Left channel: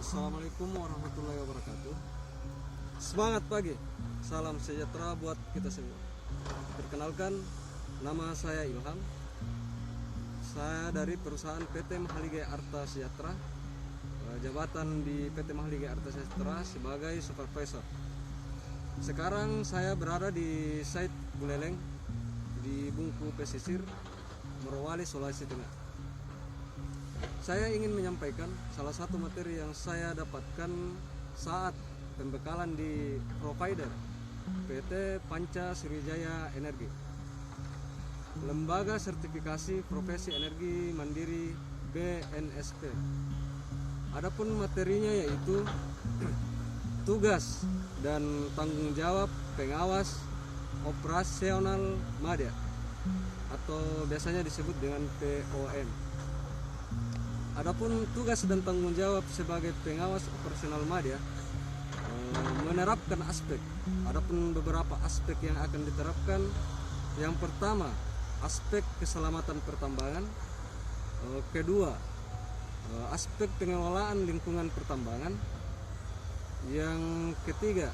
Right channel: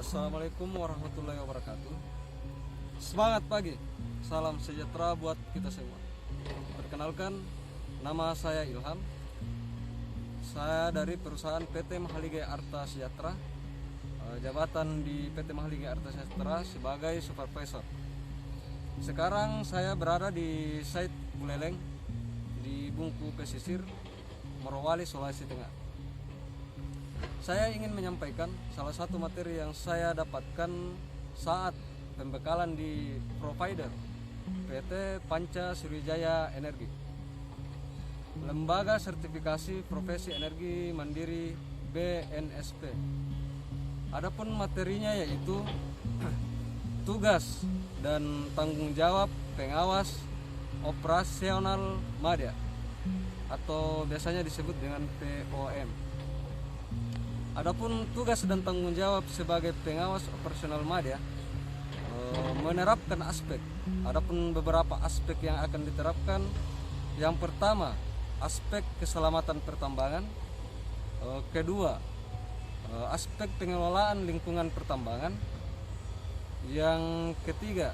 Assalamualaikum warahmatullahi wabarakatuh. Semangat pagi, salam sejahtera buat kita semua. Perkenalkan, nama saya Ilham. Saya dari perusahaan PT Mahaligaya Arta Sejahtera. Jabatan di PT Mahaligaya Arta Sejahtera sebagai supervisor. Sekarang saya berada di site Buleleng di Bungku Pesisir, Morowali, Sulawesi Tengah. Saya ingin menyampaikan salah satu materi yang saya dapatkan saat pembekalan di provider PT Panca Sriwijaya Energi, Lembaga Sertifikasi Profesi Energi Mandiri BNSP. Adapun materinya yaitu tugas dan tanggung jawab pengawas operasional madya atau biasanya disebut dengan POM. Adapun tugas dan tanggung jawab sebagai pengawas operasional madya menerapkan adapun beberapa aspek yang akan diterapkan. Yang pertama, aspek keselamatan pertambangan. Kedua, aspek pengelolaan lingkungan pertambangan. Yang ketiga,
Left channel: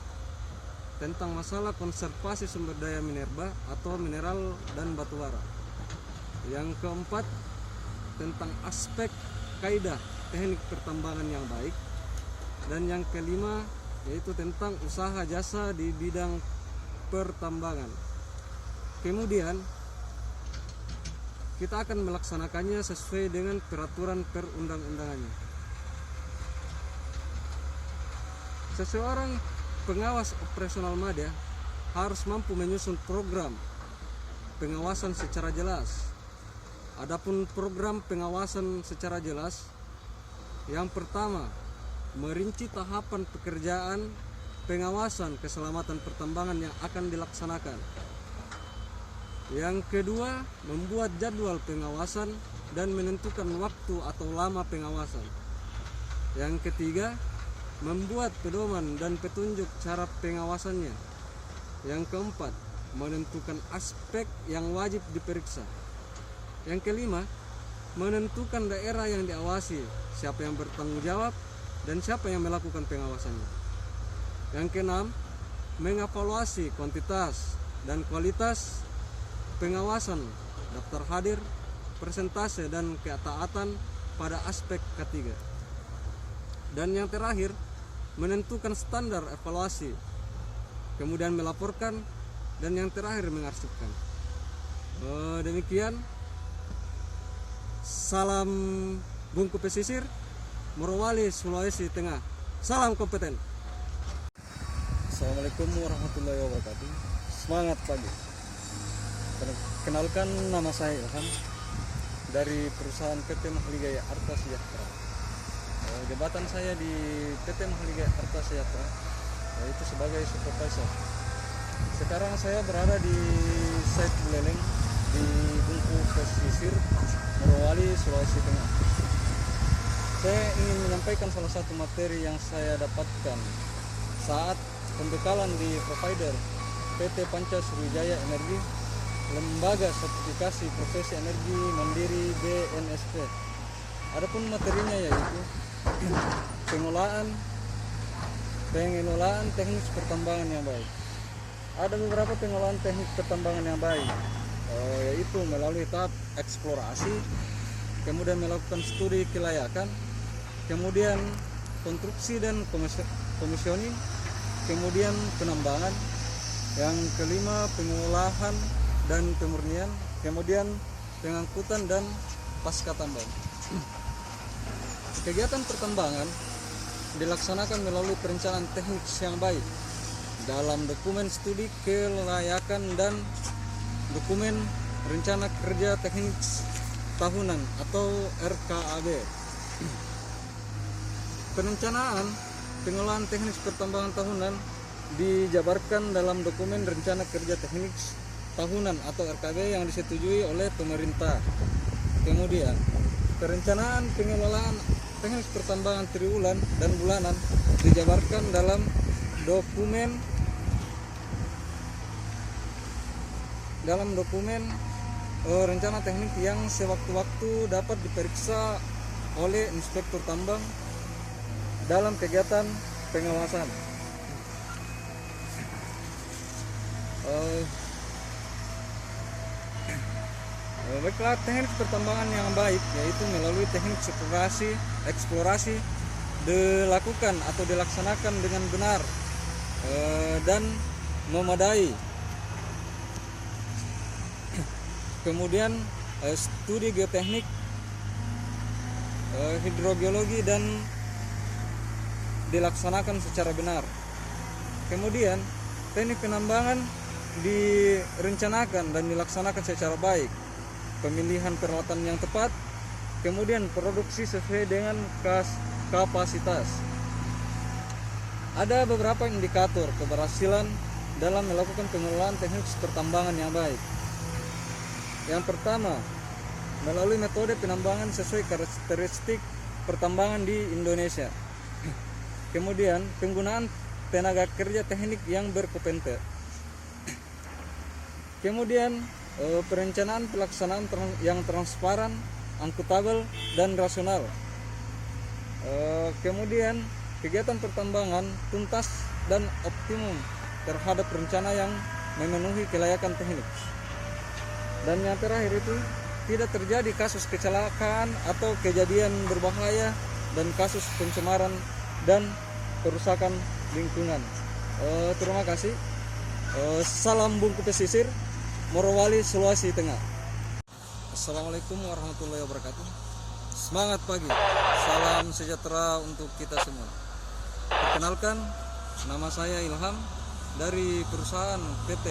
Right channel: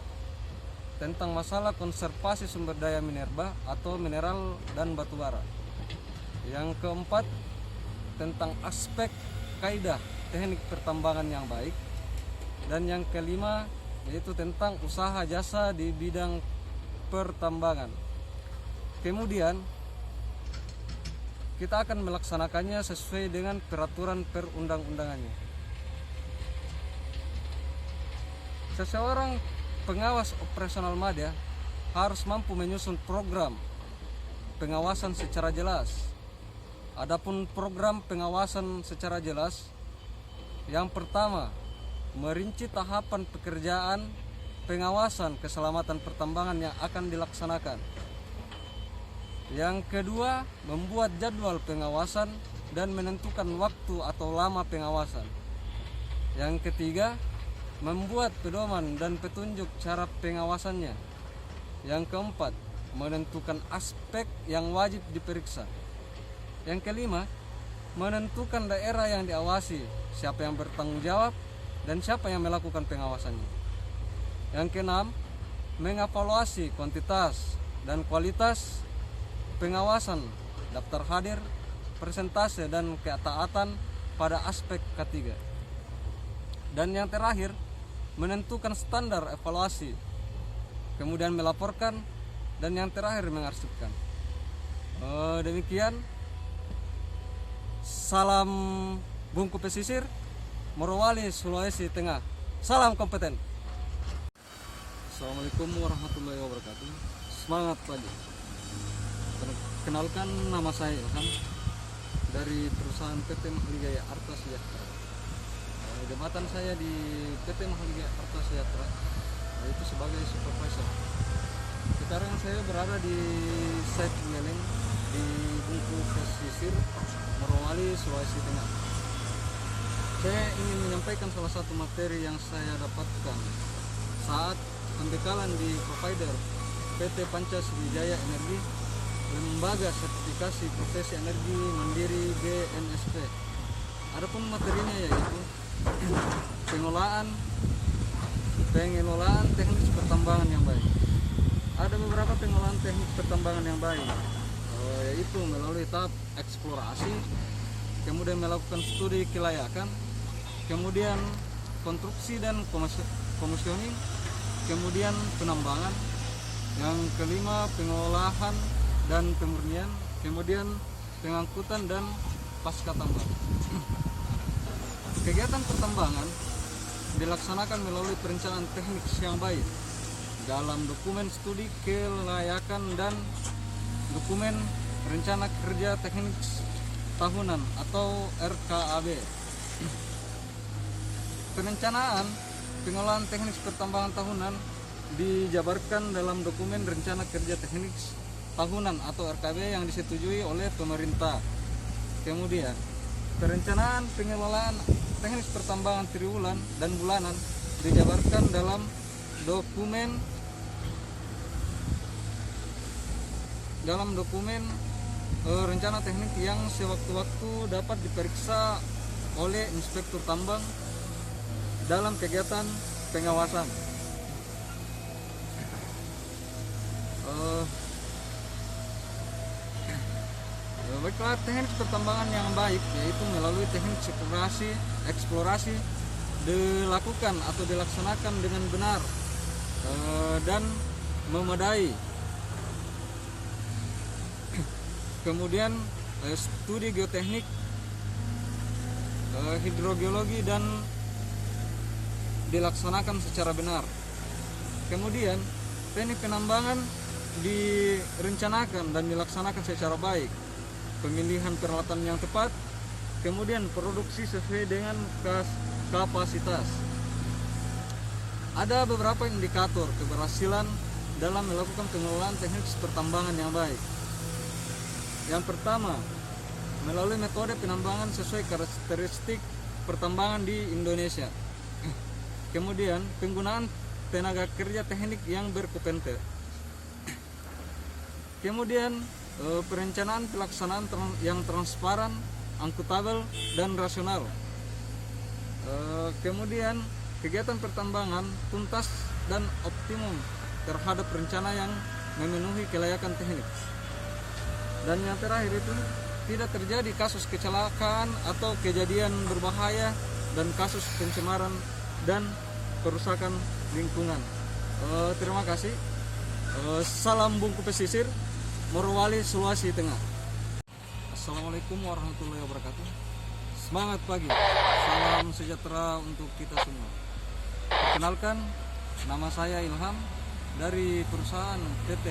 tentang masalah konservasi sumber daya minerba atau mineral dan batu bara. Yang keempat, tentang aspek kaidah teknik pertambangan yang baik. Dan yang kelima yaitu tentang usaha jasa di bidang pertambangan. Kemudian kita akan melaksanakannya sesuai dengan peraturan perundang-undangannya. Seseorang pengawas operasional madya harus mampu menyusun program pengawasan secara jelas. Adapun program pengawasan secara jelas, yang pertama, merinci tahapan pekerjaan pengawasan keselamatan pertambangan yang akan dilaksanakan. Yang kedua, membuat jadwal pengawasan dan menentukan waktu atau lama pengawasan. Yang ketiga, membuat pedoman dan petunjuk cara pengawasannya. Yang keempat, menentukan aspek yang wajib diperiksa. Yang kelima, menentukan daerah yang diawasi, siapa yang bertanggung jawab, dan siapa yang melakukan pengawasannya. Yang keenam, mengevaluasi kuantitas dan kualitas pengawasan, daftar hadir, persentase, dan ketaatan pada aspek ketiga. Dan yang terakhir, menentukan standar evaluasi, kemudian melaporkan, dan yang terakhir mengarsipkan. Demikian. Salam Bungku Pesisir, Morowali, Sulawesi Tengah. Salam kompeten. Assalamualaikum warahmatullahi wabarakatuh. Semangat pagi. Kenalkan, nama saya Ilham dari perusahaan PT Mahaligaya Arta Sejahtera. Jabatan saya di PT Mahaligaya Arta Sejahtera yaitu sebagai supervisor. Sekarang saya berada di site Buleleng di Bungku Pesisir, Morowali, Sulawesi Tengah. Saya ingin menyampaikan salah satu materi yang saya dapatkan saat pembekalan di provider PT Panca Sriwijaya Energi, Lembaga Sertifikasi Profesi Energi Mandiri BNSP. Adapun materinya yaitu pengelolaan teknik pertambangan yang baik. Ada beberapa pengelolaan teknik pertambangan yang baik, yaitu melalui tahap eksplorasi, kemudian melakukan studi kelayakan, kemudian konstruksi dan komisioning, kemudian penambangan, yang kelima pengolahan dan pemurnian, kemudian pengangkutan dan pasca tambang. Kegiatan pertambangan dilaksanakan melalui perencanaan teknik yang baik dalam dokumen studi kelayakan dan dokumen rencana kerja teknik tahunan atau RKAB. Perencanaan pengolahan teknik pertambangan tahunan dijabarkan dalam dokumen rencana kerja teknik tahunan atau RKAB yang disetujui oleh pemerintah. Kemudian perencanaan pengelolaan teknik pertambangan triwulan dan bulanan dijabarkan dalam dokumen rencana teknik yang sewaktu-waktu dapat diperiksa oleh inspektur tambang dalam kegiatan pengawasan. Baiklah, teknik pertambangan yang baik yaitu melalui teknik eksplorasi dilakukan atau dilaksanakan dengan benar dan memadai. Kemudian studi geoteknik, hidrogeologi dan dilaksanakan secara benar. Kemudian teknik penambangan direncanakan dan dilaksanakan secara baik. Pemilihan peralatan yang tepat, kemudian produksi sesuai dengan kapasitas. Ada beberapa indikator keberhasilan dalam melakukan pengelolaan teknik pertambangan yang baik. Yang pertama, melalui metode penambangan sesuai karakteristik pertambangan di Indonesia. Kemudian, penggunaan tenaga kerja teknik yang berkompeten. Kemudian, perencanaan pelaksanaan yang transparan, akuntabel, dan rasional. Kemudian, kegiatan pertambangan tuntas dan optimum terhadap rencana yang memenuhi kelayakan teknik. Dan yang terakhir itu, tidak terjadi kasus kecelakaan atau kejadian berbahaya dan kasus pencemaran dan perusakan lingkungan. Terima kasih. Salam Bungku Pesisir, Morowali, Sulawesi Tengah. Assalamualaikum warahmatullahi wabarakatuh. Semangat pagi, salam sejahtera untuk kita semua. Perkenalkan, nama saya Ilham dari perusahaan PT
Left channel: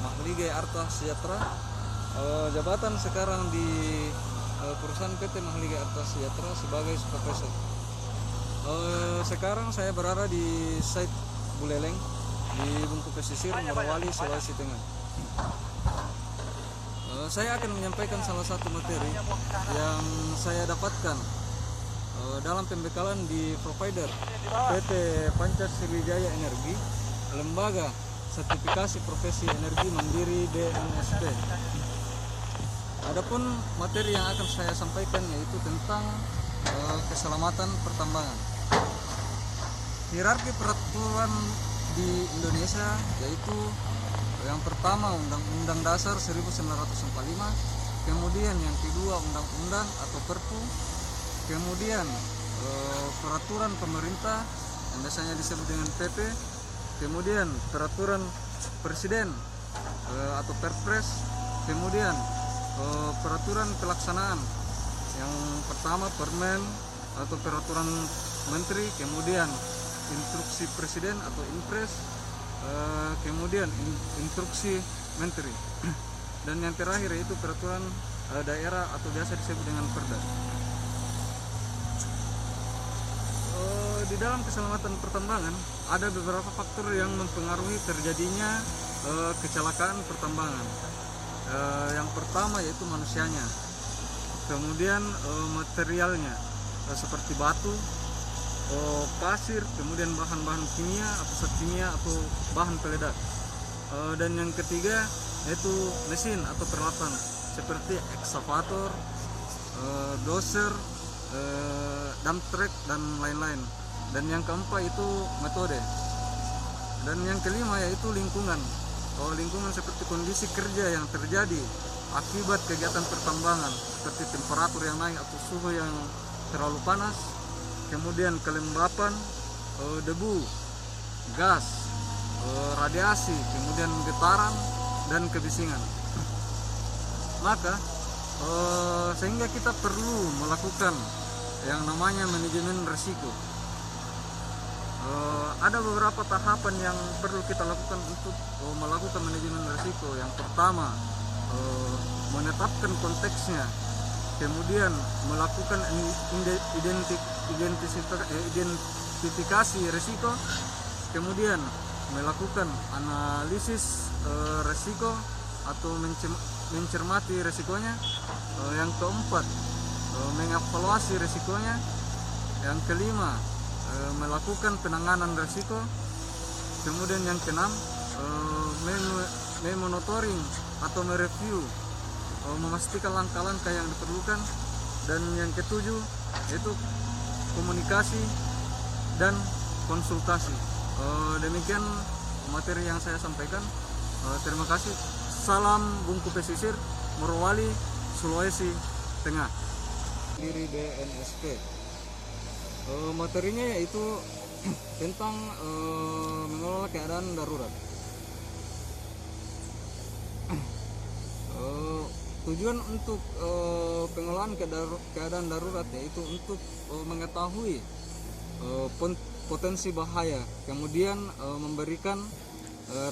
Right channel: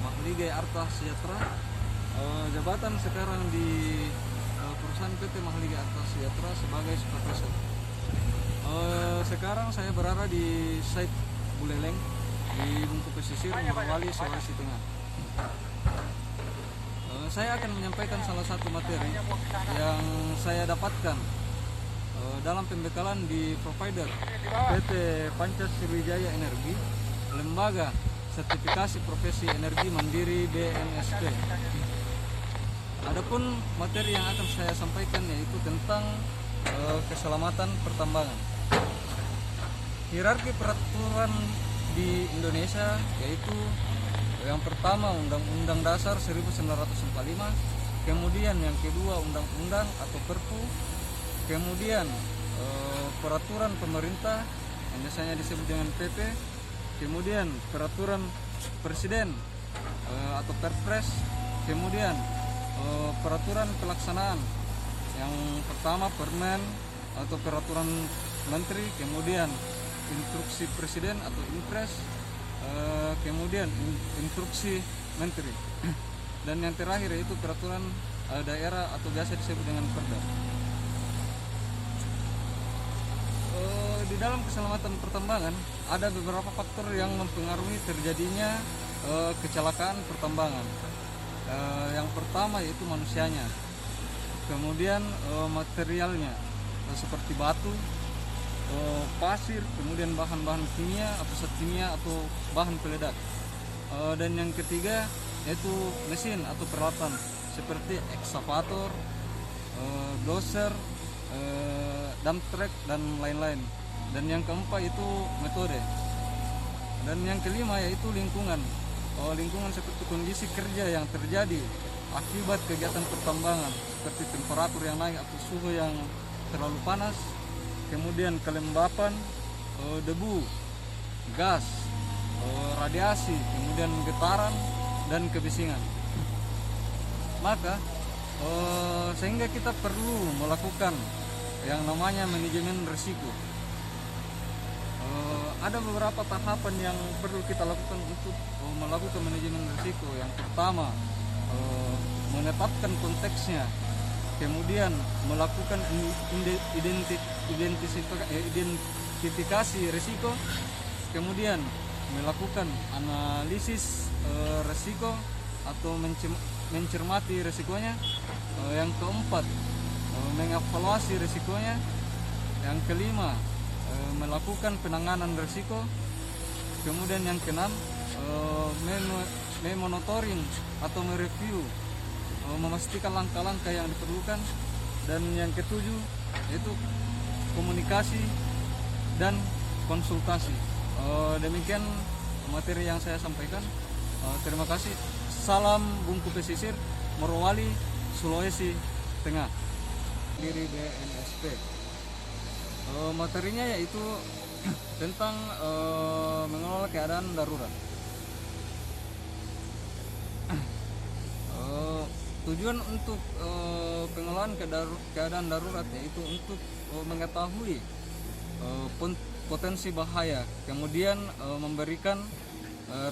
Mahligai Arta Sejahtera. Jabatan sekarang di perusahaan PT Mahligai Arta Sejahtera sebagai supervisor. Sekarang saya berada di site Buleleng di Bungku Pesisir, Morowali, Sulawesi Tengah. Saya akan menyampaikan salah satu materi yang saya dapatkan dalam pembekalan di provider PT Pancasriwijaya Energi, Lembaga Sertifikasi Profesi Energi Mandiri BNSP. Adapun materi yang akan saya sampaikan yaitu tentang keselamatan pertambangan. Hierarki peraturan di Indonesia yaitu yang pertama Undang-Undang Dasar 1945, kemudian yang kedua Undang-Undang atau Perpu, kemudian peraturan pemerintah yang biasanya disebut dengan PP, kemudian peraturan presiden atau Perpres, kemudian peraturan pelaksanaan yang pertama Permen atau peraturan menteri, kemudian instruksi presiden atau Impres, kemudian instruksi menteri, dan yang terakhir yaitu peraturan daerah atau biasa disebut dengan Perda. Di dalam keselamatan pertambangan ada beberapa faktor yang mempengaruhi terjadinya kecelakaan pertambangan. Yang pertama yaitu manusianya, kemudian materialnya seperti batu, pasir, kemudian bahan-bahan kimia atau zat kimia atau bahan peledak. Dan yang ketiga yaitu mesin atau peralatan seperti ekskavator, dozer, dump truck dan lain-lain. Dan yang keempat itu metode. Dan yang kelima yaitu lingkungan. Lingkungan seperti kondisi kerja yang terjadi akibat kegiatan pertambangan seperti temperatur yang naik atau suhu yang terlalu panas, kemudian kelembapan, debu, gas, radiasi, kemudian getaran dan kebisingan. Maka sehingga kita perlu melakukan yang namanya manajemen risiko. Ada beberapa tahapan yang perlu kita lakukan untuk melakukan manajemen risiko. Yang pertama, menetapkan konteksnya, kemudian melakukan identifikasi risiko, kemudian melakukan analisis risiko atau mencermati risikonya. Yang keempat, mengevaluasi risikonya. Yang kelima, melakukan penanganan risiko. Kemudian yang keenam, memonitoring atau mereview, memastikan langkah-langkah yang diperlukan. Dan yang ketujuh yaitu komunikasi dan konsultasi. Demikian materi yang saya sampaikan. Terima kasih. Salam Bungku Pesisir, Morowali, Sulawesi Tengah. Diri BNSP. Materinya yaitu tentang mengelola keadaan darurat. Tujuan untuk pengelolaan keadaan darurat yaitu untuk mengetahui potensi bahaya, kemudian memberikan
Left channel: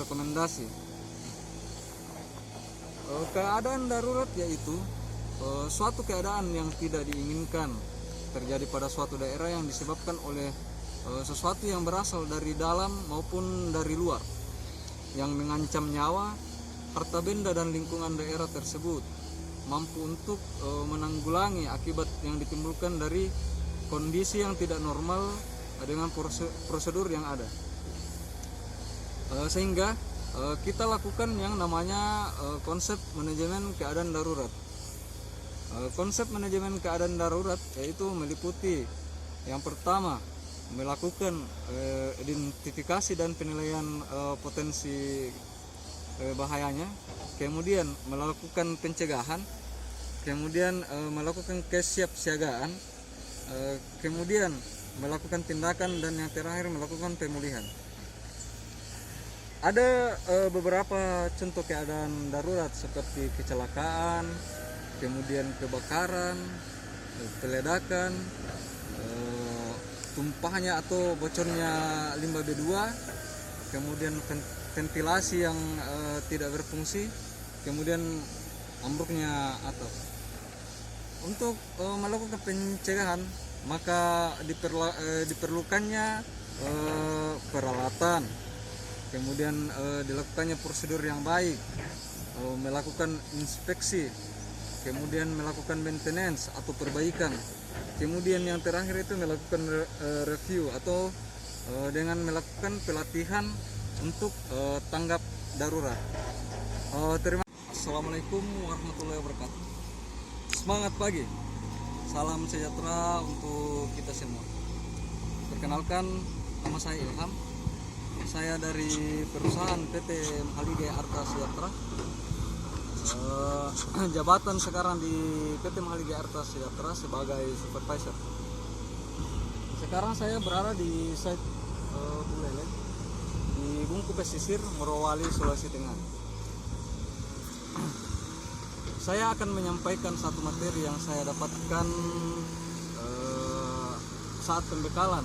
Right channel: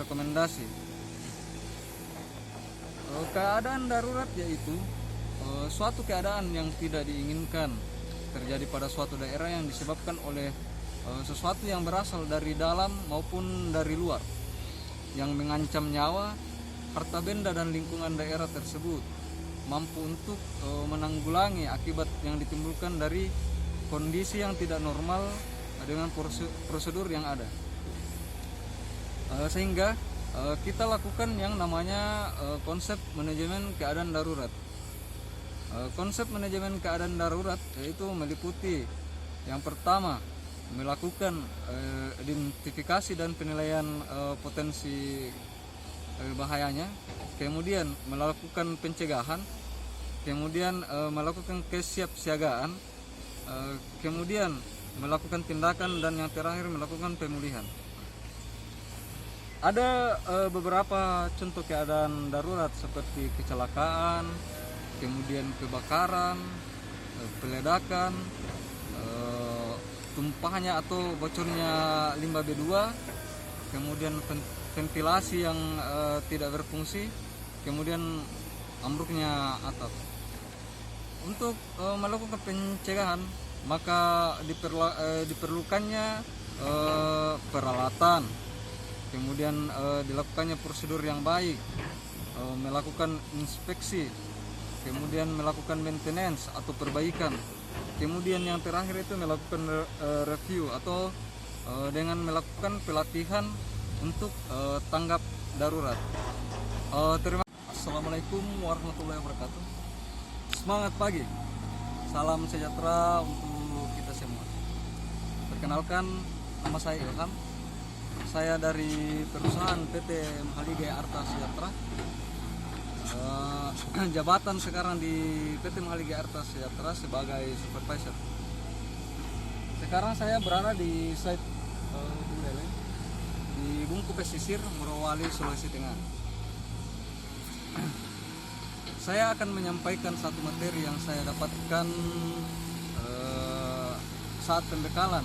rekomendasi. Keadaan darurat yaitu suatu keadaan yang tidak diinginkan terjadi pada suatu daerah yang disebabkan oleh sesuatu yang berasal dari dalam maupun dari luar yang mengancam nyawa, harta benda dan lingkungan daerah tersebut, mampu untuk menanggulangi akibat yang ditimbulkan dari kondisi yang tidak normal dengan prosedur yang ada. Sehingga kita lakukan yang namanya konsep manajemen keadaan darurat. Konsep manajemen keadaan darurat yaitu meliputi yang pertama melakukan identifikasi dan penilaian potensi bahayanya, kemudian melakukan pencegahan, kemudian melakukan kesiapsiagaan, kemudian melakukan tindakan, dan yang terakhir melakukan pemulihan. Ada beberapa contoh keadaan darurat seperti kecelakaan, kemudian kebakaran, peledakan, tumpahnya atau bocornya limbah B2, kemudian ventilasi yang tidak berfungsi, kemudian ambruknya atap. Untuk melakukan pencegahan maka diperlukannya peralatan, kemudian dilakukannya prosedur yang baik, melakukan inspeksi, kemudian melakukan maintenance atau perbaikan, kemudian yang terakhir itu melakukan review atau dengan melakukan pelatihan untuk tanggap darurat. Assalamualaikum warahmatullahi wabarakatuh. Semangat pagi, salam sejahtera untuk kita semua. Perkenalkan, nama saya Ilham. Saya dari perusahaan PT Mahalige Arta Sejahtera. Jabatan sekarang di PT Mahalige Arta Sejahtera sebagai supervisor. Sekarang saya berada di site di Bungku Pesisir, Morowali, Sulawesi Tengah. Saya akan menyampaikan satu materi yang saya dapatkan saat pendekalan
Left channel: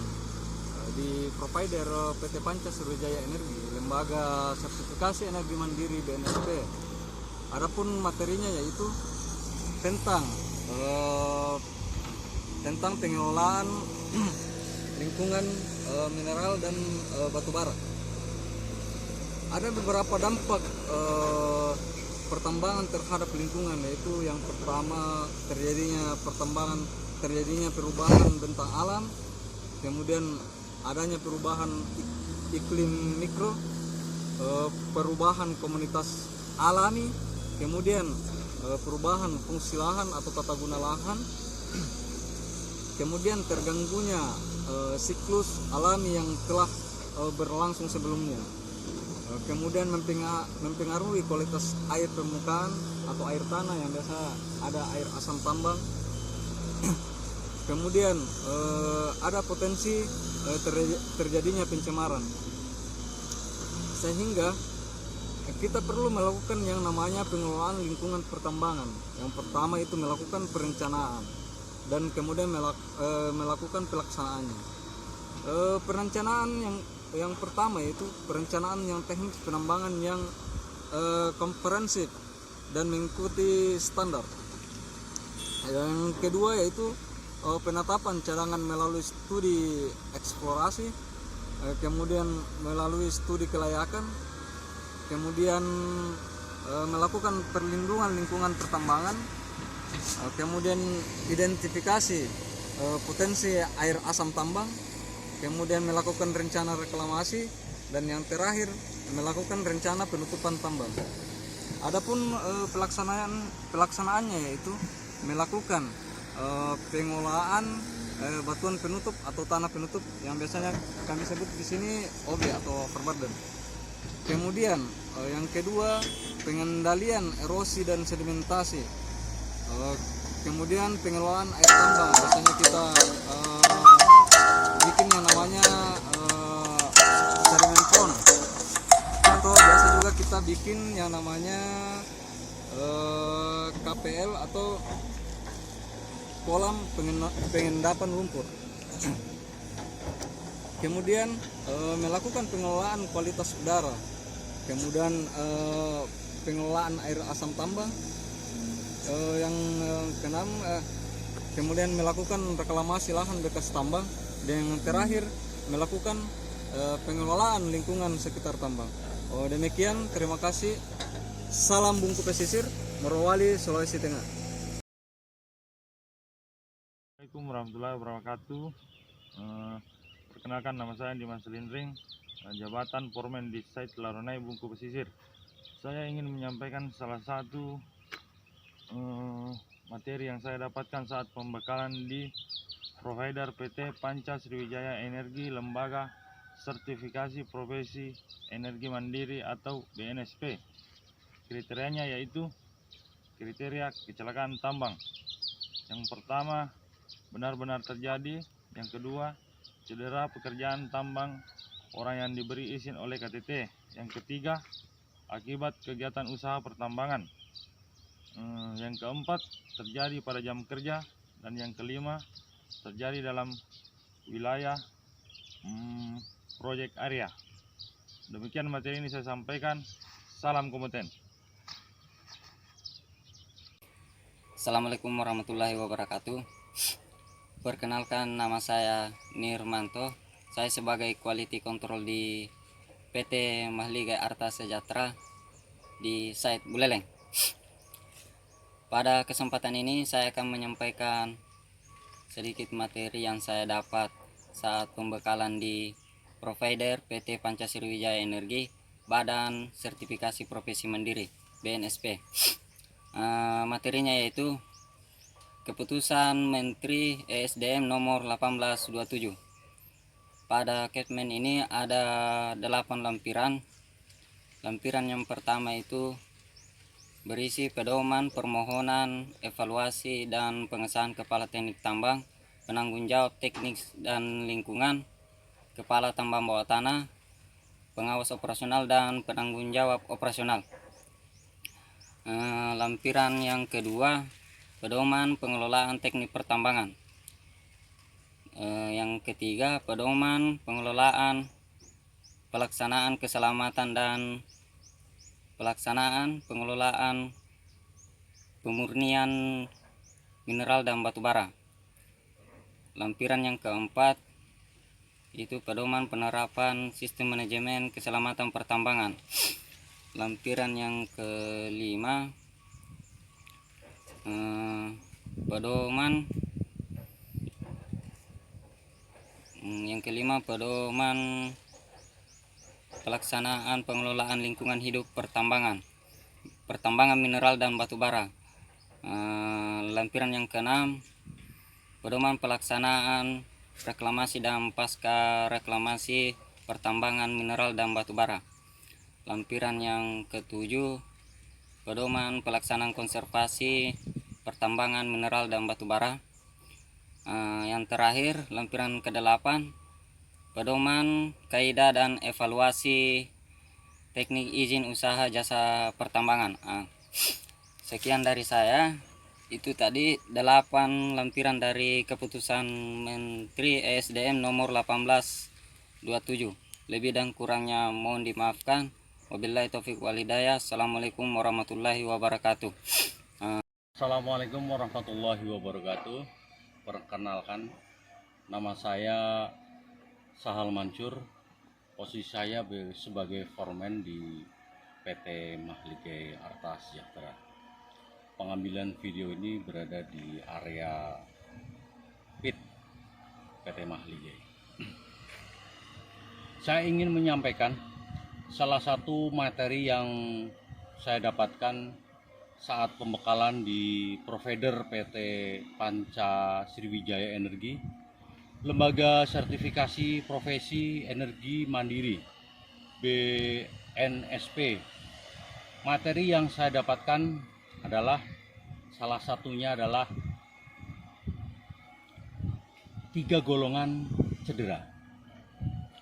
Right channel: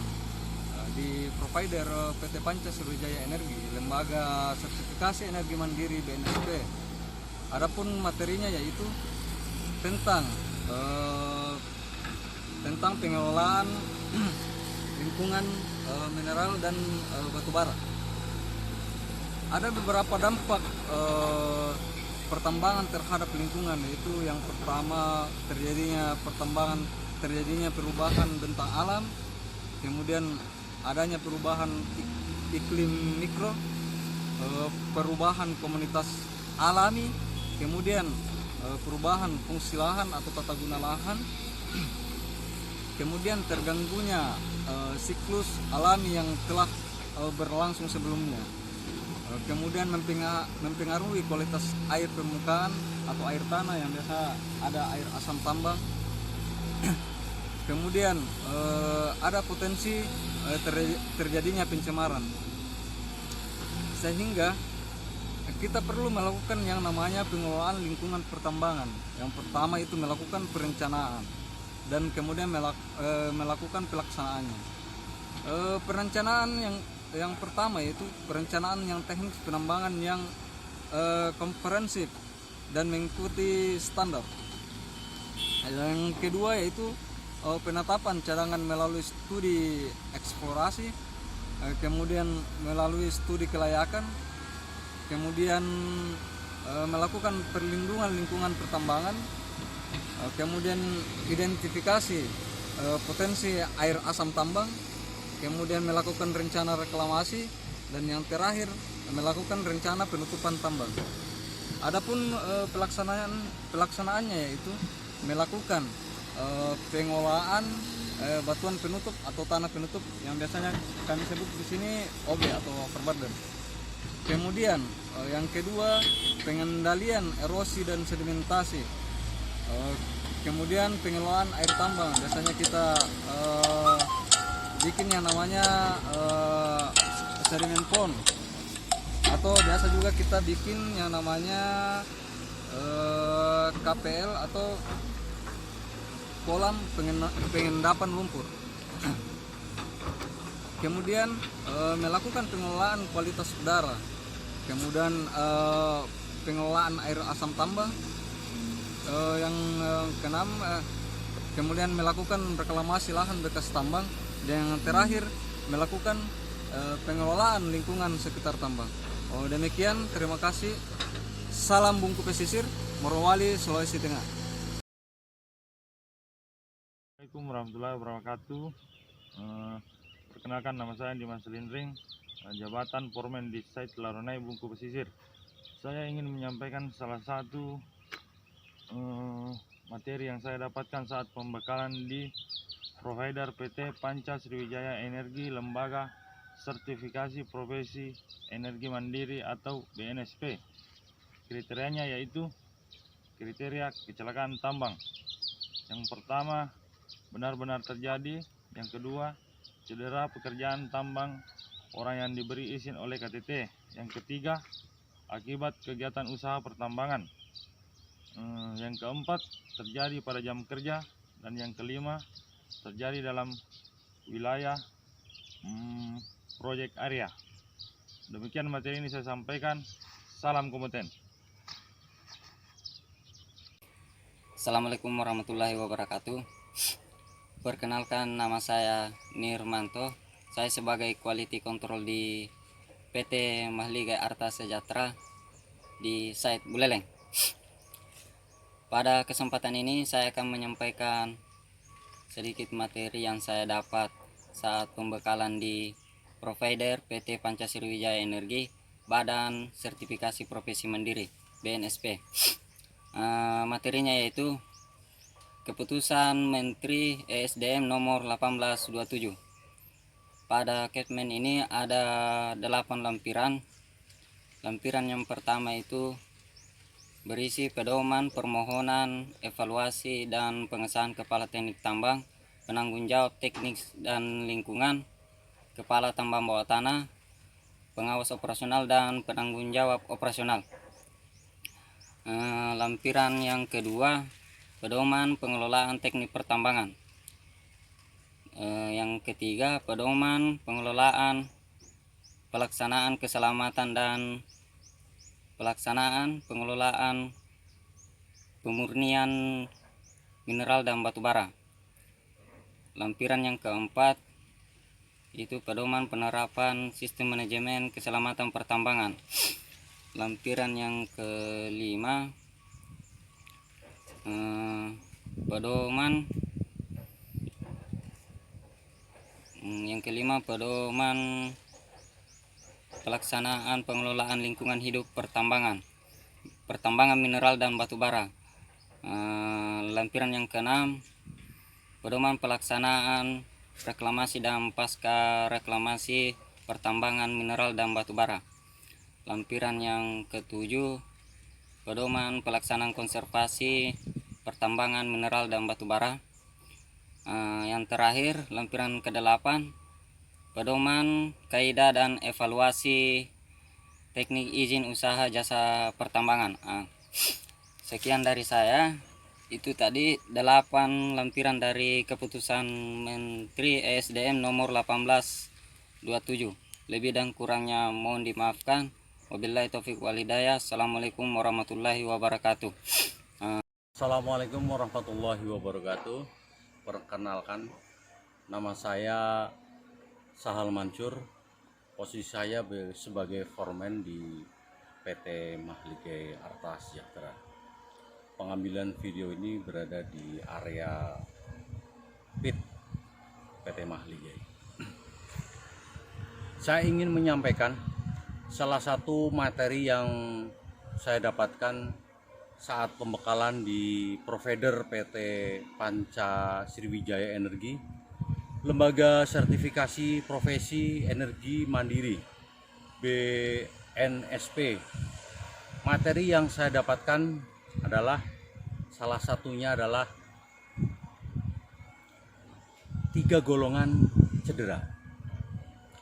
di provider PT Panca Sriwijaya Energi, lembaga sertifikasi energi mandiri BNSP. Adapun materinya yaitu tentang pengelolaan lingkungan mineral dan batu bara. Ada beberapa dampak pertambangan terhadap lingkungan, yaitu yang pertama terjadinya perubahan bentang alam, kemudian adanya perubahan iklim mikro, perubahan komunitas alami, kemudian perubahan fungsi lahan atau tata guna lahan, kemudian terganggunya siklus alami yang telah berlangsung sebelumnya, kemudian mempengaruhi kualitas air permukaan atau air tanah yang biasa ada air asam tambang. Kemudian ada potensi terjadinya pencemaran, sehingga kita perlu melakukan yang namanya pengelolaan lingkungan pertambangan. Yang pertama itu melakukan perencanaan dan kemudian melakukan pelaksanaannya. Perencanaan yang pertama yaitu perencanaan yang teknis penambangan yang komprehensif dan mengikuti standar. Yang kedua yaitu penetapan cadangan melalui studi eksplorasi, kemudian melalui studi kelayakan, kemudian melakukan perlindungan lingkungan pertambangan, kemudian identifikasi potensi air asam tambang, kemudian melakukan rencana reklamasi, dan yang terakhir melakukan rencana penutupan tambang. Adapun pelaksanaannya yaitu melakukan pengolahan batuan penutup atau tanah penutup yang biasanya kami sebut di sini OB atau overburden. Kemudian yang kedua, pengendalian erosi dan sedimentasi. Kemudian pengelolaan air tambang, biasanya kita bikin yang namanya sediment pond, atau biasa juga kita bikin yang namanya KPL atau kolam pengendapan lumpur. Kemudian melakukan pengelolaan kualitas udara, kemudian pengelolaan air asam tambang. Yang keenam, kemudian melakukan reklamasi lahan bekas tambang, dan yang terakhir melakukan pengelolaan lingkungan sekitar tambang. Demikian, terima kasih. Salam Bungku Pesisir, Morowali, Sulawesi Tengah. Assalamualaikum warahmatullahi wabarakatuh. Perkenalkan, nama saya Dimas Lindring, jabatan Foreman di site Laronai Bungku Pesisir. Saya ingin menyampaikan salah satu materi yang saya dapatkan saat pembekalan di provider PT Panca Sriwijaya Energi Lembaga Sertifikasi Profesi Energi Mandiri atau BNSP. Kriterianya yaitu kriteria kecelakaan tambang. Yang pertama, benar-benar terjadi. Yang kedua, cedera pekerjaan tambang orang yang diberi izin oleh KTT. Yang ketiga, akibat kegiatan usaha pertambangan. Yang keempat, terjadi pada jam kerja. Dan yang kelima, terjadi dalam wilayah proyek area. Demikian materi ini saya sampaikan. Salam kompeten. Assalamualaikum warahmatullahi wabarakatuh. Perkenalkan, nama saya Nirmanto. Saya sebagai Quality Control di PT Mahligai Arta Sejahtera di site Buleleng. Pada kesempatan ini saya akan menyampaikan sedikit materi yang saya dapat saat pembekalan di provider PT Panca Sriwijaya Energi Badan Sertifikasi Profesi Mandiri BNSP. Materinya yaitu Keputusan Menteri ESDM nomor 1827. Pada Kepmen ini ada 8 lampiran. Lampiran yang pertama itu berisi pedoman, permohonan, evaluasi, dan pengesahan Kepala Teknik Tambang, penanggung jawab teknik dan lingkungan, Kepala Tambang Bawah Tanah, pengawas operasional, dan penanggung jawab operasional. Lampiran yang kedua, pedoman pengelolaan teknik pertambangan. Yang ketiga, pedoman pengelolaan pelaksanaan keselamatan dan pelaksanaan pengelolaan pemurnian mineral dan batu bara. Lampiran yang keempat itu pedoman penerapan sistem manajemen keselamatan pertambangan. Lampiran yang kelima, pedoman pelaksanaan pengelolaan lingkungan hidup pertambangan mineral dan batu bara. Lampiran yang keenam, pedoman pelaksanaan reklamasi dan pasca reklamasi pertambangan mineral dan batu bara. Lampiran yang ketujuh, pedoman pelaksanaan konservasi pertambangan mineral dan batu bara. Yang terakhir, lampiran ke-8, pedoman kaidah dan evaluasi teknik izin usaha jasa pertambangan. Sekian dari saya. Itu tadi 8 lampiran dari keputusan Menteri ESDM nomor 1827. Lebih dan kurangnya mohon dimaafkan. Wabillahi taufiq wal hidayah. Assalamualaikum warahmatullahi wabarakatuh. Assalamualaikum warahmatullahi wabarakatuh. Perkenalkan, nama saya Sahal Mansur. Posisi saya sebagai foreman di PT Mahligai Arta Sejahtera. Pengambilan video ini berada di area pit PT Mahligai. Saya ingin menyampaikan salah satu materi yang saya dapatkan saat pembekalan di provider PT Panca Sriwijaya Energi, Lembaga Sertifikasi Profesi Energi Mandiri BNSP. Materi yang saya dapatkan adalah salah satunya adalah 3 golongan cedera.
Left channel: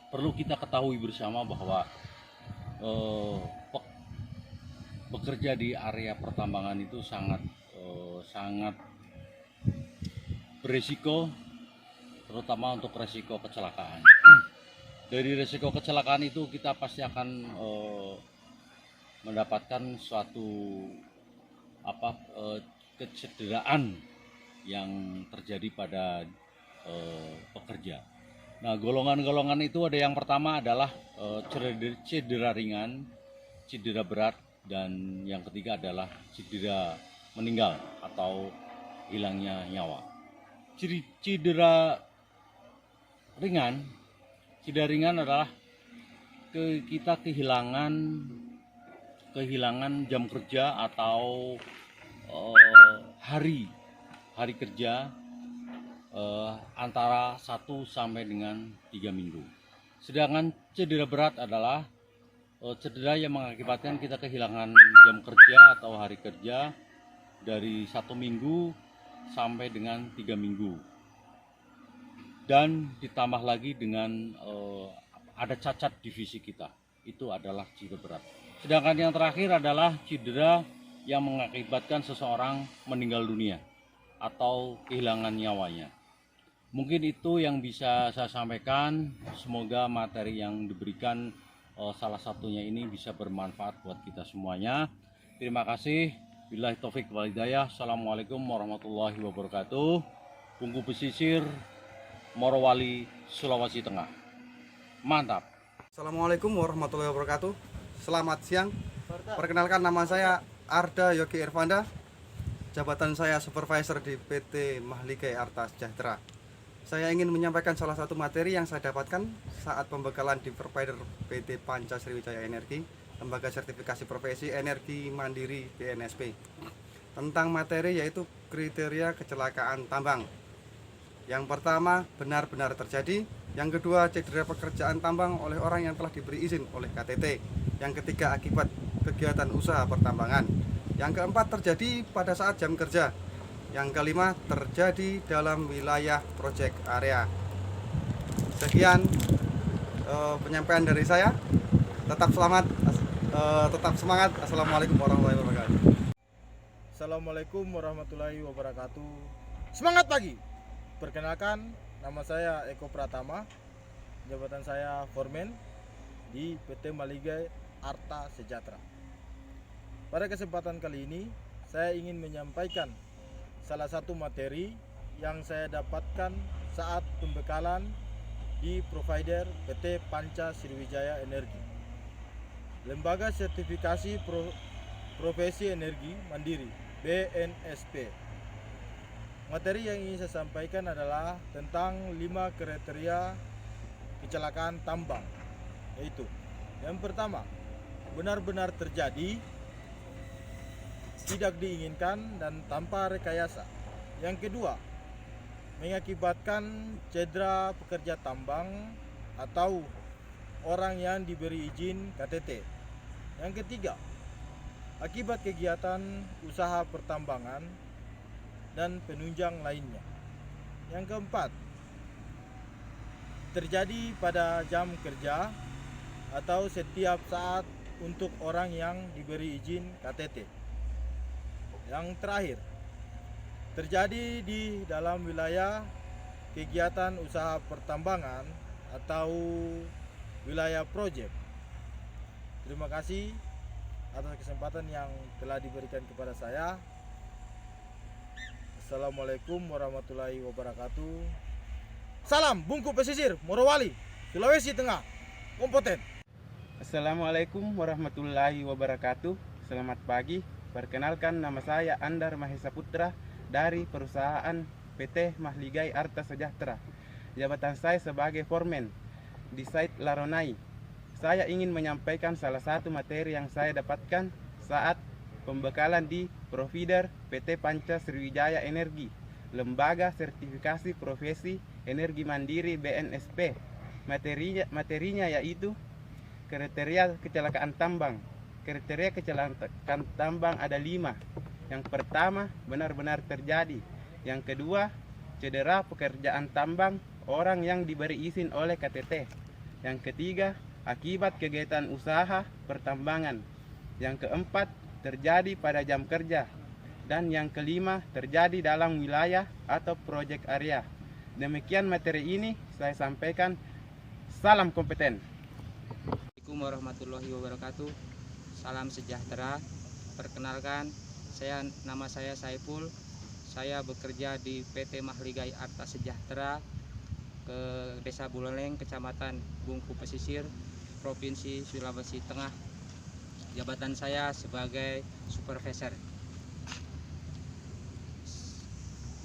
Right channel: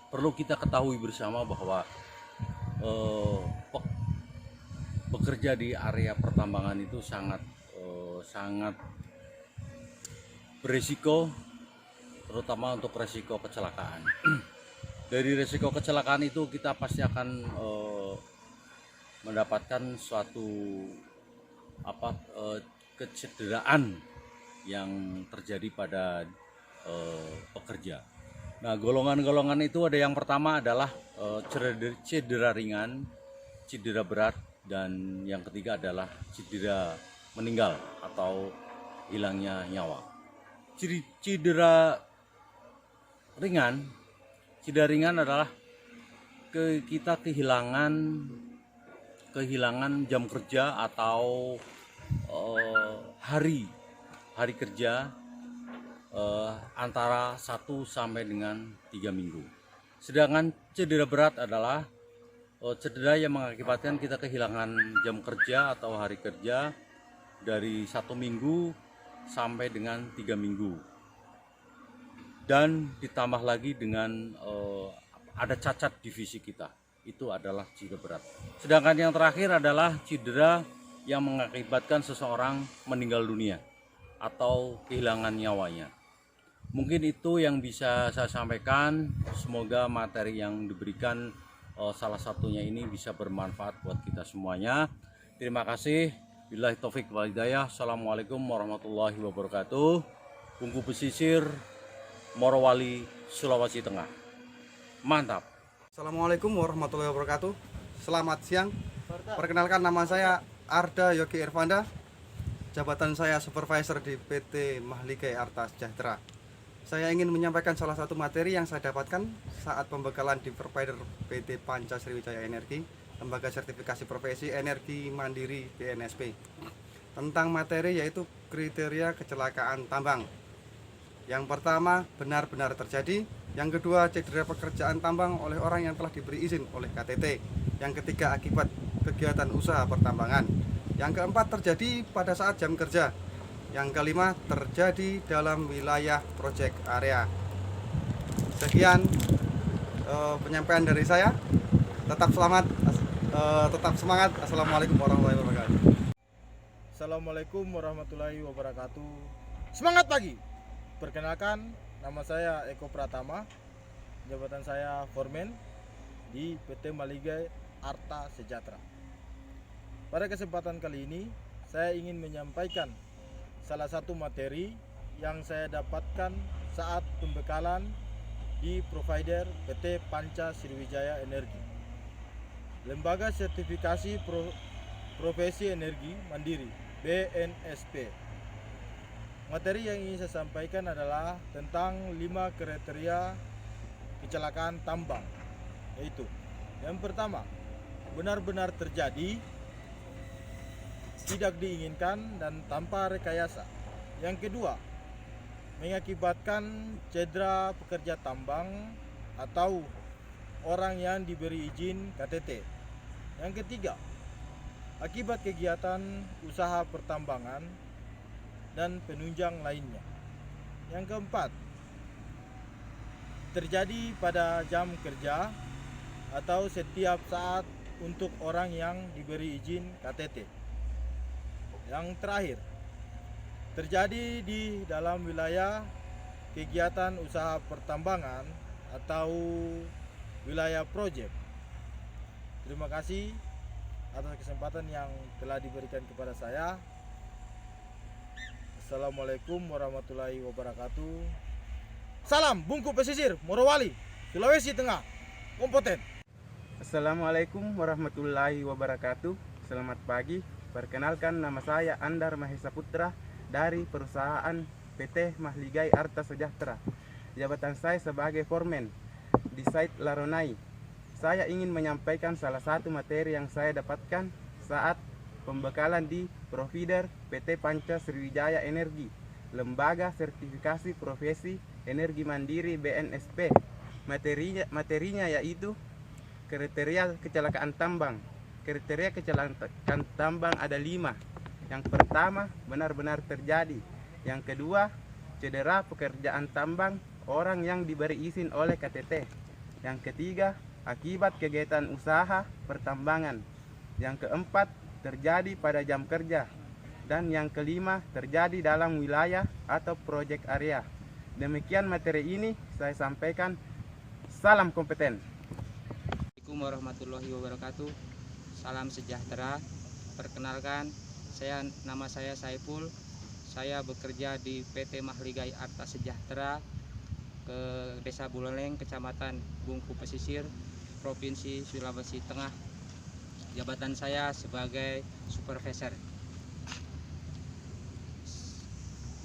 Perlu kita ketahui bersama bahwa bekerja di area pertambangan itu sangat berisiko, terutama untuk resiko kecelakaan. Dari resiko kecelakaan itu kita pasti akan mendapatkan suatu kecederaan yang terjadi pada pekerja. Nah, golongan-golongan itu ada yang pertama adalah cedera ringan, cedera berat, dan yang ketiga adalah cedera meninggal atau hilangnya nyawa. Cedera ringan adalah kita kehilangan jam kerja atau hari kerja antara 1 sampai dengan 3 minggu. Sedangkan cedera berat adalah cedera yang mengakibatkan kita kehilangan jam kerja atau hari kerja dari 1 minggu sampai dengan 3 minggu. Dan ditambah lagi dengan ada cacat di fisik kita, itu adalah cedera berat. Sedangkan yang terakhir adalah cedera yang mengakibatkan seseorang meninggal dunia atau kehilangan nyawanya. Mungkin itu yang bisa saya sampaikan. Semoga materi yang diberikan salah satunya ini bisa bermanfaat buat kita semuanya. Terima kasih. Billahi taufik wal hidayah. Assalamualaikum warahmatullahi wabarakatuh. Bungku Pesisir, Morowali, Sulawesi Tengah. Mantap. Assalamualaikum warahmatullahi wabarakatuh. Selamat siang. Perkenalkan, nama saya Arda Yogi Irvanda. Jabatan saya supervisor di PT Mahligai Arta Sejahtera. Saya ingin menyampaikan salah satu materi yang saya dapatkan saat pembekalan di provider PT Panca Sriwijaya Energi, Lembaga Sertifikasi Profesi Energi Mandiri BNSP. Tentang materi yaitu kriteria kecelakaan tambang. Yang pertama, benar-benar terjadi. Yang kedua, cedera pekerjaan tambang oleh orang yang telah diberi izin oleh KTT. Yang ketiga, akibat kegiatan usaha pertambangan. Yang keempat, terjadi pada saat jam kerja. Yang kelima, terjadi dalam wilayah project area. Sekian penyampaian dari saya. Tetap selamat, tetap semangat. Assalamualaikum warahmatullahi wabarakatuh. Assalamualaikum warahmatullahi wabarakatuh. Semangat pagi. Perkenalkan, nama saya Eko Pratama. Jabatan saya foreman di PT Mahligai Arta Sejahtera. Pada kesempatan kali ini, saya ingin menyampaikan salah satu materi yang saya dapatkan saat pembekalan di provider PT Panca Sriwijaya Energi, Lembaga Sertifikasi Profesi Energi Mandiri BNSP. Materi yang ingin saya sampaikan adalah tentang 5 kriteria kecelakaan tambang, yaitu yang pertama, benar-benar terjadi, tidak diinginkan dan tanpa rekayasa. Yang kedua, mengakibatkan cedera pekerja tambang atau orang yang diberi izin KTT. Yang ketiga, akibat kegiatan usaha pertambangan dan penunjang lainnya. Yang keempat, terjadi pada jam kerja atau setiap saat untuk orang yang diberi izin KTT. Yang terakhir, terjadi di dalam wilayah kegiatan usaha pertambangan atau wilayah proyek. Terima kasih atas kesempatan yang telah diberikan kepada saya. Assalamualaikum warahmatullahi wabarakatuh. Salam Bungku Pesisir, Morowali, Sulawesi Tengah, kompeten. Assalamualaikum warahmatullahi wabarakatuh. Selamat pagi. Perkenalkan, nama saya Andar Mahesa Putra dari perusahaan PT Mahligai Arta Sejahtera. Jabatan saya sebagai foreman di site Laronai. Saya ingin menyampaikan salah satu materi yang saya dapatkan saat pembekalan di provider PT Panca Sriwijaya Energi, Lembaga Sertifikasi Profesi Energi Mandiri BNSP. Materinya yaitu kriteria kecelakaan tambang. Kriteria kecelakaan tambang ada 5. Yang pertama, benar-benar terjadi. Yang kedua, cedera pekerjaan tambang orang yang diberi izin oleh KTT. Yang ketiga, akibat kegiatan usaha pertambangan. Yang keempat, terjadi pada jam kerja. Dan yang kelima, terjadi dalam wilayah atau proyek area. Demikian materi ini saya sampaikan. Salam kompeten. Assalamualaikum warahmatullahi wabarakatuh. Salam sejahtera. Perkenalkan, nama saya Saiful. Saya bekerja di PT Mahligai Arta Sejahtera ke Desa Buleleng, Kecamatan Bungku Pesisir, Provinsi Sulawesi Tengah. Jabatan saya sebagai supervisor.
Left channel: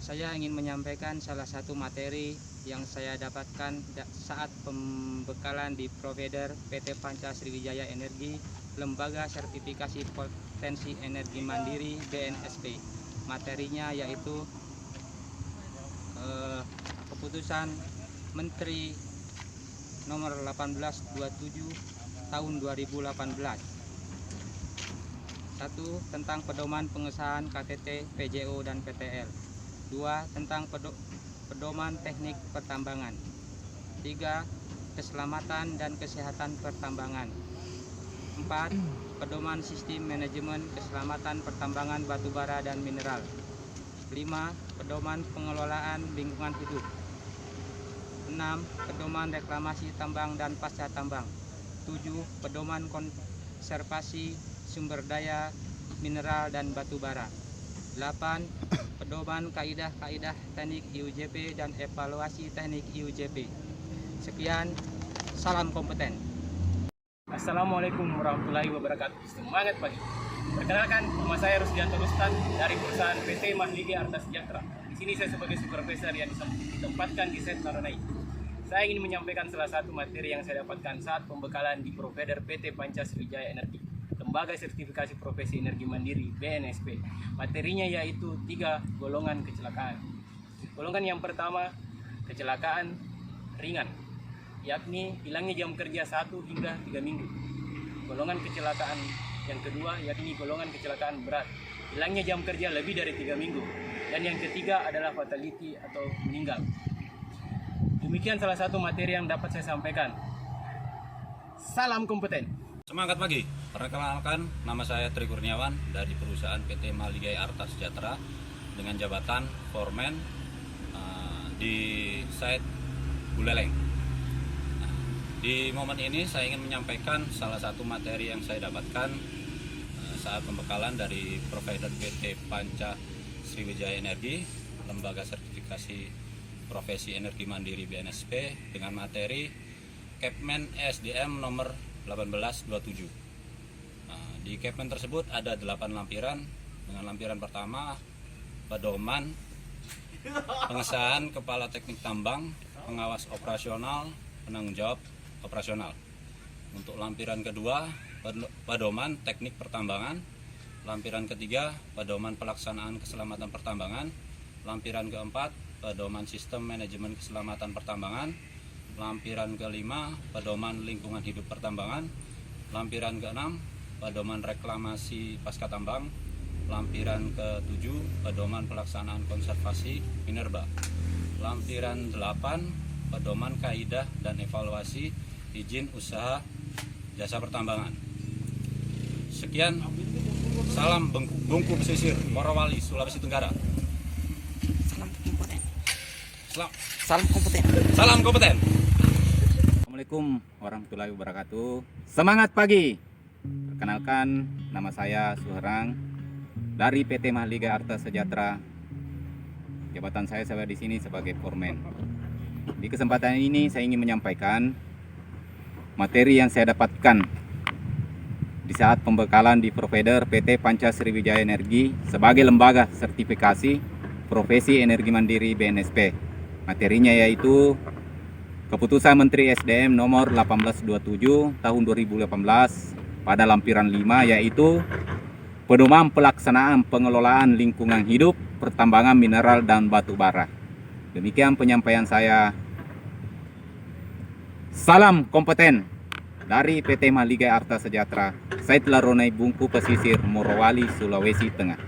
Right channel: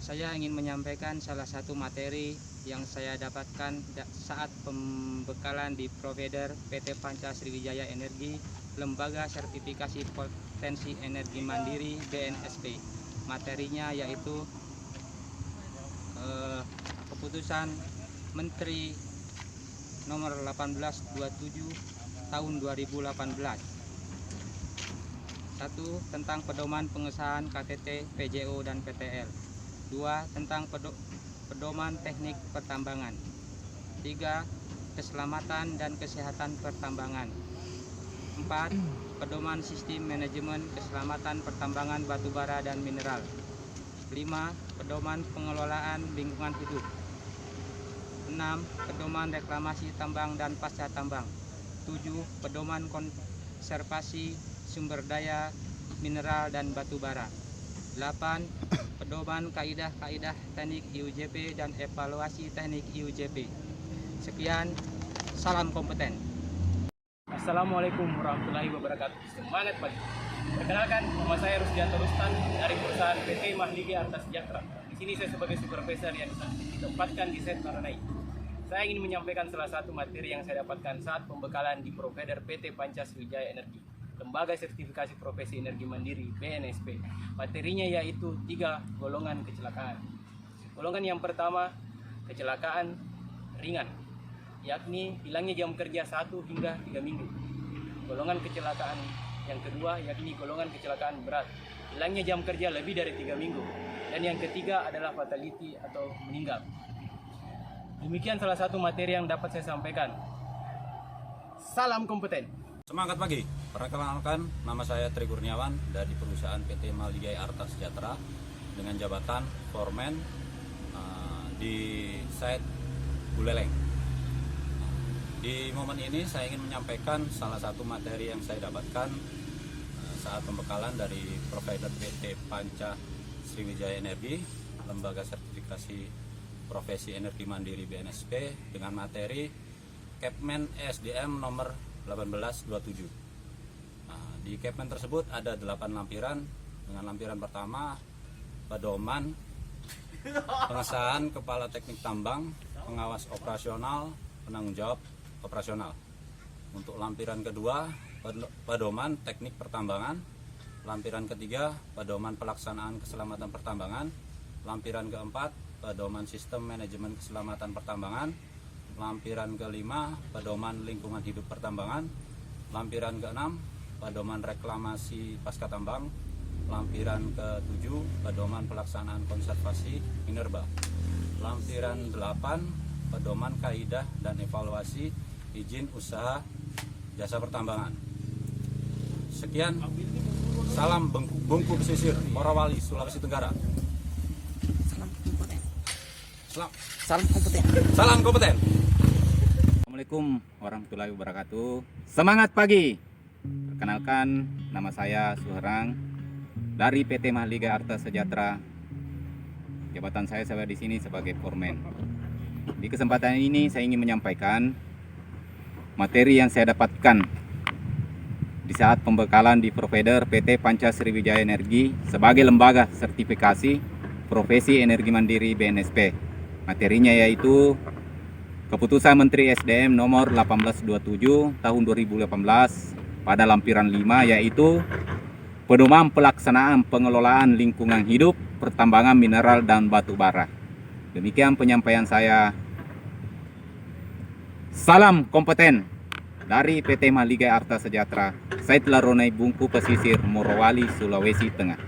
Saya ingin menyampaikan salah satu materi yang saya dapatkan saat pembekalan di provider PT Panca Sriwijaya Energi, Lembaga Sertifikasi Potensi Energi Mandiri BNSP. Materinya yaitu keputusan Menteri nomor 1827 tahun 2018. 1. Tentang pedoman pengesahan KTT, PJO, dan PTL. 2. Tentang pedoman teknik pertambangan. 3. Keselamatan dan kesehatan pertambangan. 4. Pedoman sistem manajemen keselamatan pertambangan batubara dan mineral. 5. Pedoman pengelolaan lingkungan hidup. 6. Pedoman reklamasi tambang dan pasca tambang. 7. Pedoman konservasi sumber daya mineral dan batubara. 8. Pedoman kaidah-kaidah teknik IUJP dan evaluasi teknik IUJP. Sekian, salam kompeten. Assalamualaikum warahmatullahi wabarakatuh. Semangat pagi. Perkenalkan, nama saya Rusdianto Rustan dari perusahaan PT Mahligai Arta Sejahtera. Di sini saya sebagai supervisor yang ditempatkan di set Taranai. Saya ingin menyampaikan salah satu materi yang saya dapatkan saat pembekalan di provider PT Panca Sriwijaya Energi, Lembaga Sertifikasi Profesi Energi Mandiri BNSP. Materinya yaitu 3 golongan kecelakaan. Golongan yang pertama, kecelakaan ringan, yakni hilangnya jam kerja 1 hingga 3 minggu. Golongan kecelakaan yang kedua yakni golongan kecelakaan berat, hilangnya jam kerja lebih dari 3 minggu. Dan yang ketiga adalah fatality atau meninggal. Demikian salah satu materi yang dapat saya sampaikan. Salam kompeten. Semangat pagi. Perkenalkan, nama saya Tri Kurniawan dari perusahaan PT Mahligai Arta Sejahtera dengan jabatan foreman di site Buleleng. Di momen ini saya ingin menyampaikan salah satu materi yang saya dapatkan saat pembekalan dari provider PT Panca Sriwijaya Energi, Lembaga Sertifikasi Profesi Energi Mandiri BNSP, dengan materi Kepmen SDM nomor 1827. Di Kepmen tersebut ada 8 lampiran. Dengan lampiran pertama, pedoman pengesahan kepala teknik tambang, pengawas operasional, penanggung jawab operasional. Untuk lampiran kedua, pedoman teknik pertambangan. Lampiran ketiga, pedoman pelaksanaan keselamatan pertambangan. Lampiran keempat, pedoman sistem manajemen keselamatan pertambangan. Lampiran kelima, pedoman lingkungan hidup pertambangan. Lampiran keenam, pedoman reklamasi pasca tambang. Lampiran ke-7, pedoman pelaksanaan konservasi minerba. Lampiran 8, pedoman kaidah dan evaluasi izin usaha jasa pertambangan. Sekian, salam Bungku Pesisir, Morowali, Sulawesi Tenggara. Salam kompeten. Salam kompeten. Assalamualaikum warahmatullahi wabarakatuh. Semangat pagi. Perkenalkan, nama saya Suherang dari PT Mahligai Arta Sejahtera. Jabatan saya di sini sebagai foreman. Di kesempatan ini saya ingin menyampaikan materi yang saya dapatkan di saat pembekalan di provider PT Panca Sriwijaya Energi sebagai lembaga sertifikasi profesi energi mandiri BNSP. Materinya yaitu Keputusan Menteri SDM nomor 1827 tahun 2018 pada lampiran 5, yaitu pedoman pelaksanaan pengelolaan lingkungan hidup, pertambangan mineral dan batu bara. Demikian penyampaian saya. Salam kompeten dari PT Mahligai Arta Sejahtera, Said Laronai Bungku Pesisir, Morowali, Sulawesi Tengah.